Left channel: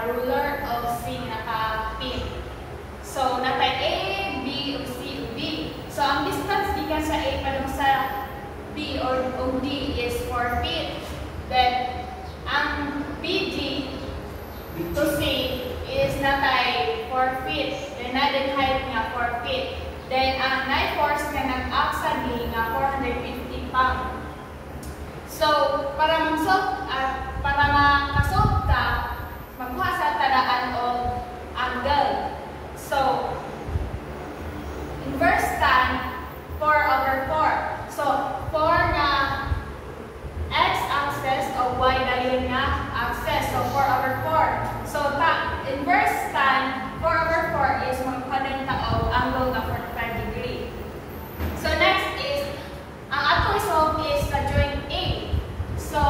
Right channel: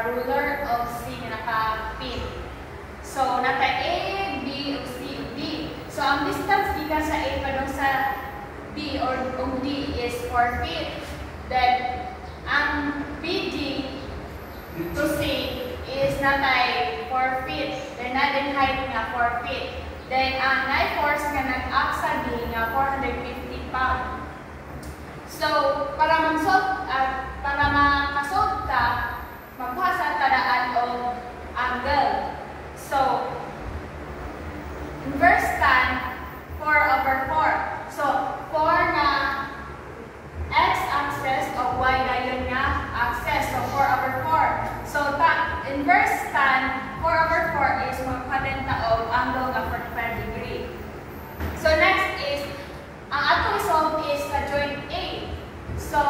naka-ruler o C nga naka-pin. So, natay A, B, o C, o D. So, ang distance gikan sa A pa sa B or D is 4 feet. Then, ang BD to C is natay 4 feet. Then, natin height nga 4 feet. Then, ang force nga nag-act sa D nga 450 pounds. So, para makasolve ka, magbuha sa tadaan o angle. So, inverse tan 4/4. So, 4 na x-axis o y dayon nga axis. So, 4/4. So, inverse tan 4/4 is magpadeng taog angle na 45 degree. So, next is, ang atong solve is sa joint A. So,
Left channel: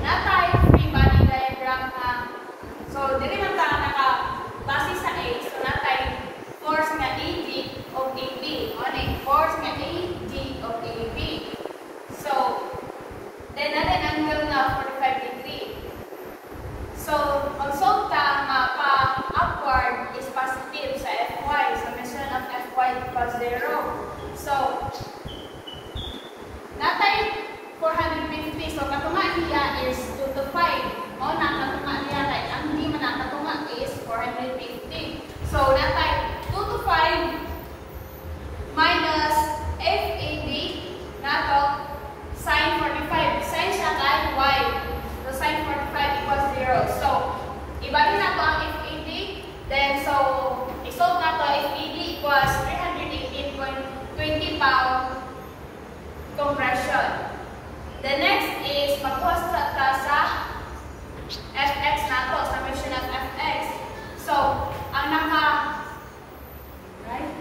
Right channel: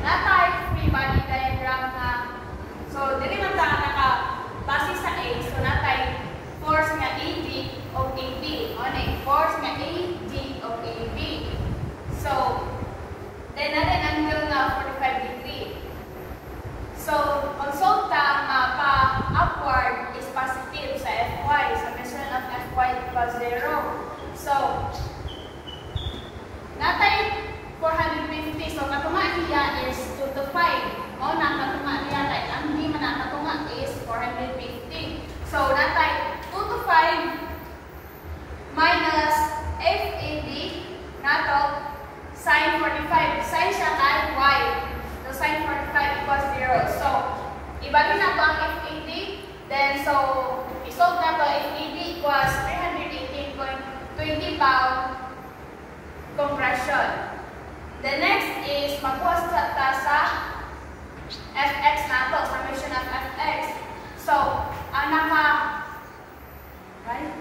natay free body diagram na, so, dili man ta naka-base sa A. So, natay force nga AD of AB. Ano force nga AD of AB. So, then natin angle nga 45 degree. So, ang solve ta pa-upward is positive sa Fy. So, measure of Fy equals 0. So, natay 450. So, katunga niya is 2 to 5. O, katunga niya, like, ang hindi man ang katunga is 450. So, natay 2 to 5 minus FAB nato sin 45. Sin siya kay Y. So, sin 45 equals 0. So, ibalik na to ang FAB. Then, so, isolve na to FAB equals 318.20 pound compression. The next is magpuas ta sa Fx nato, summation of Fx. So, ang right?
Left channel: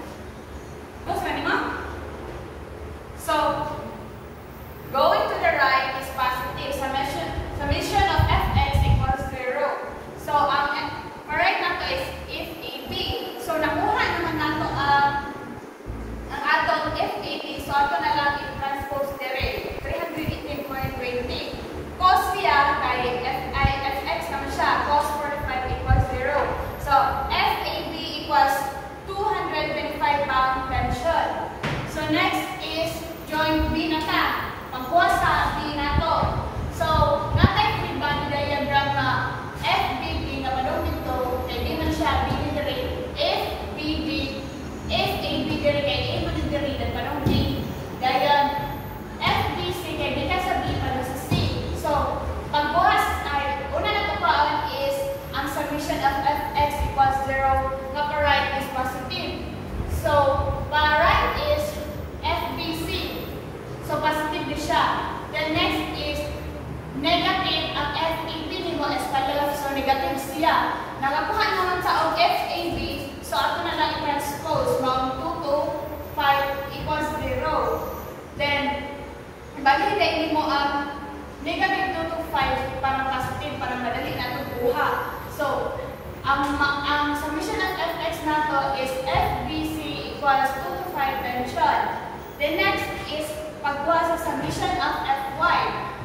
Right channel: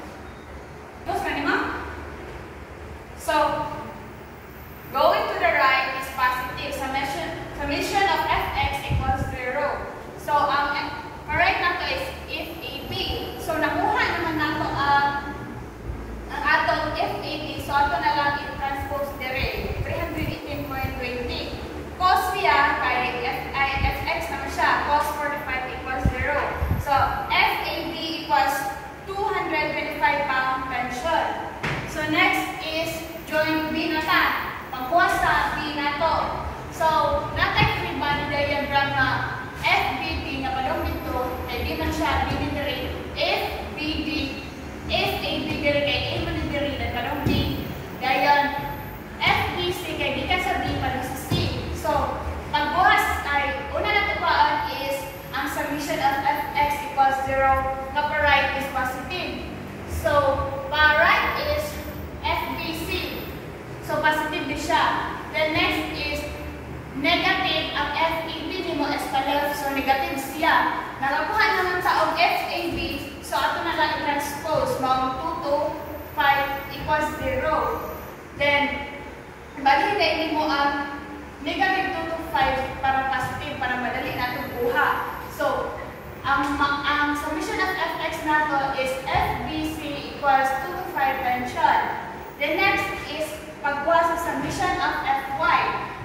Close ka nima? So, going to the right is positive. Summation of Fx equals 0. So, ang right nato is FAB. So, nakuha naman nato ang atong FAB. So, ato na lang i-transpose dire. 318.20. Cos niya kay Fx naman siya. Cos 45 equals 0. So, FAB equals 225 pound tension. So, next is joint B na ta. Pagkuha sa B na to. So, natay free body diagram na FBD na malong dito. Kaya di man siya BD dire. FBD, FAB dire kay A man dire. Dan malong D. Dayon, FBC kay di ka sa B malong sa C. So, pagbuhas ay, una na tupaan is ang summation of Fx equals 0. Nga pa right is positive. So, pa right is FBC. So, positive din siya. Then next is negative. Ang FAB nimo is pa left. So, negative siya. Nakakuha naman sa og FAB. So, ato na lang i-transpose. Mga 2 to 5 equals 0. Then, balik mo ang negative 2 to 5 para positive, para madali natin buha. So, ang summation of Fx nato is FBC equals 2 to 5 tension. The next is pagbuha sa summation of Fy.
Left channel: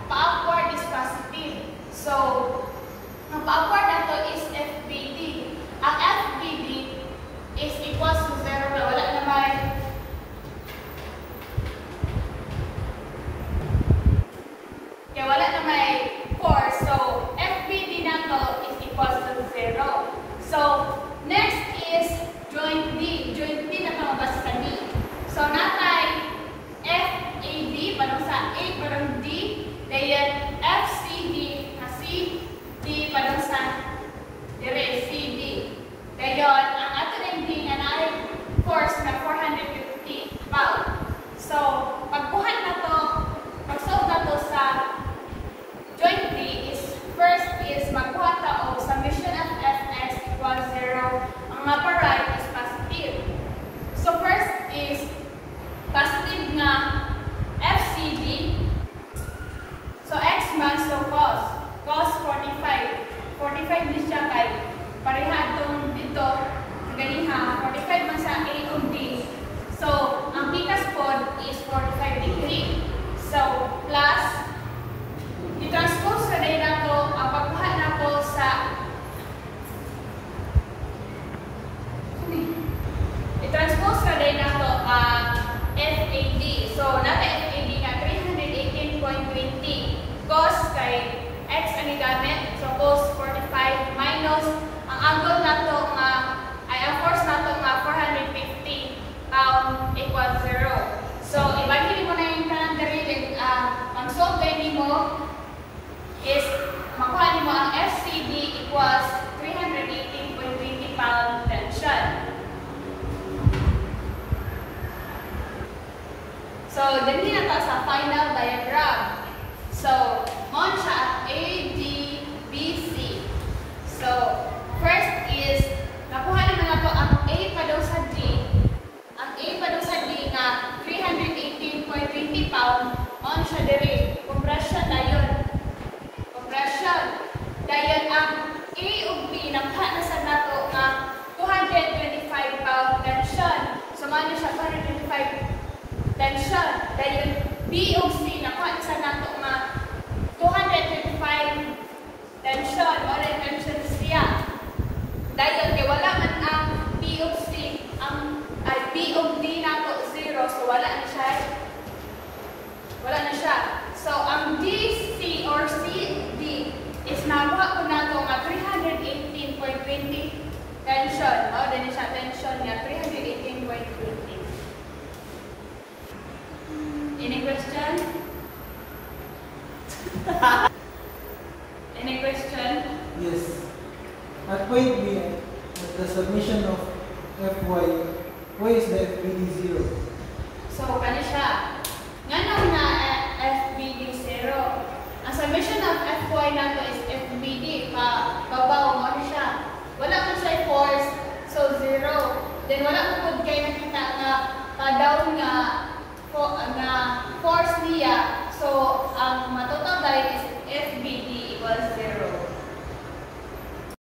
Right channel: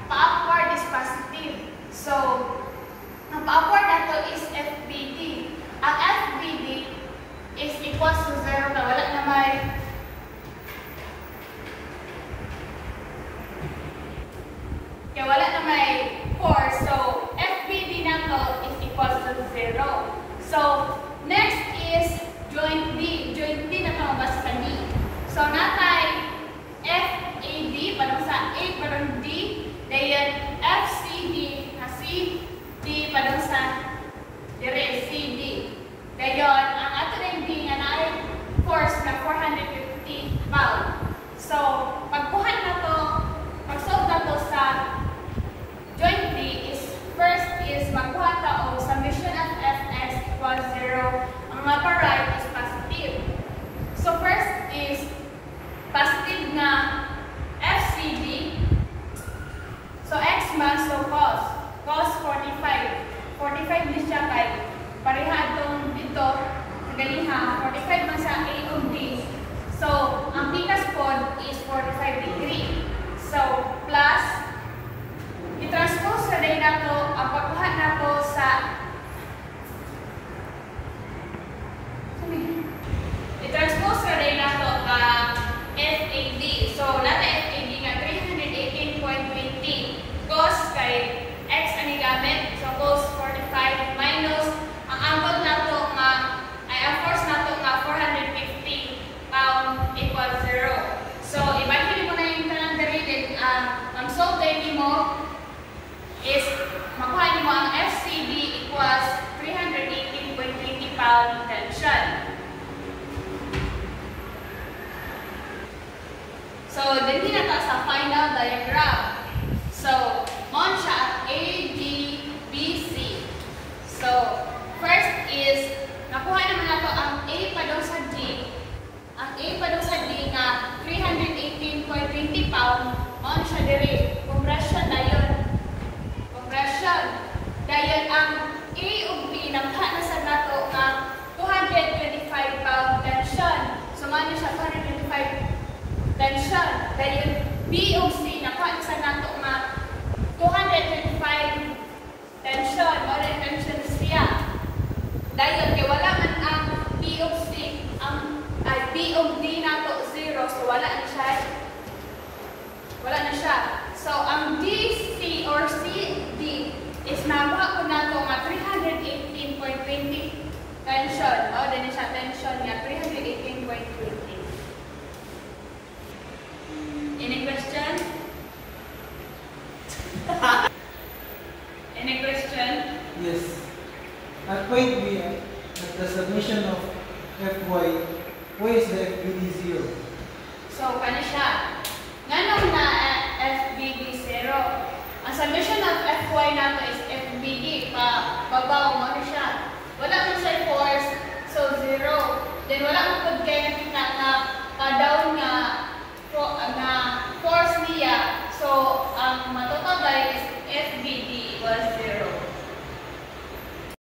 Pa-upward is positive. So, ang pa-upward nato is FBD. Ang FBD is equals to 0 na wala na may force. So, FBD nato is equals to 0. So, next is joint D. Joint D na ito mabasa sa D. So, natay FAD, parang sa A, parang So, din na to sa final diagram. So, mon siya A, B, B, C. So, first is, nakuha naman nato ang A pa daw sa D. Ang A pa daw sa D na 318.20 pound, mon siya dire. Compression dayon. Compression. Dayon ang A ug B, nakuha na sa nato na 225 pound tension. So, man siya 225 tension. Dayon B ug C, nakuha na sa nato na 225 tension o tension siya. Dahil kay wala man ang B ug C, ang B ug D nato 0, so wala na siya. Wala na siya. So ang DC or CD is nakuha ko nato nga 318.20 tension. O din siya tension niya 318.20. Any question? Any question? Yes. At point B, at the submission of Fy, y is the FBD 0. So, kano siya? Nganong na FBD 0. Ang submission of Fy nato is FBD. Mababaw mo na siya. Wala mo siya force, so 0. Then wala mo pag kayo nakita na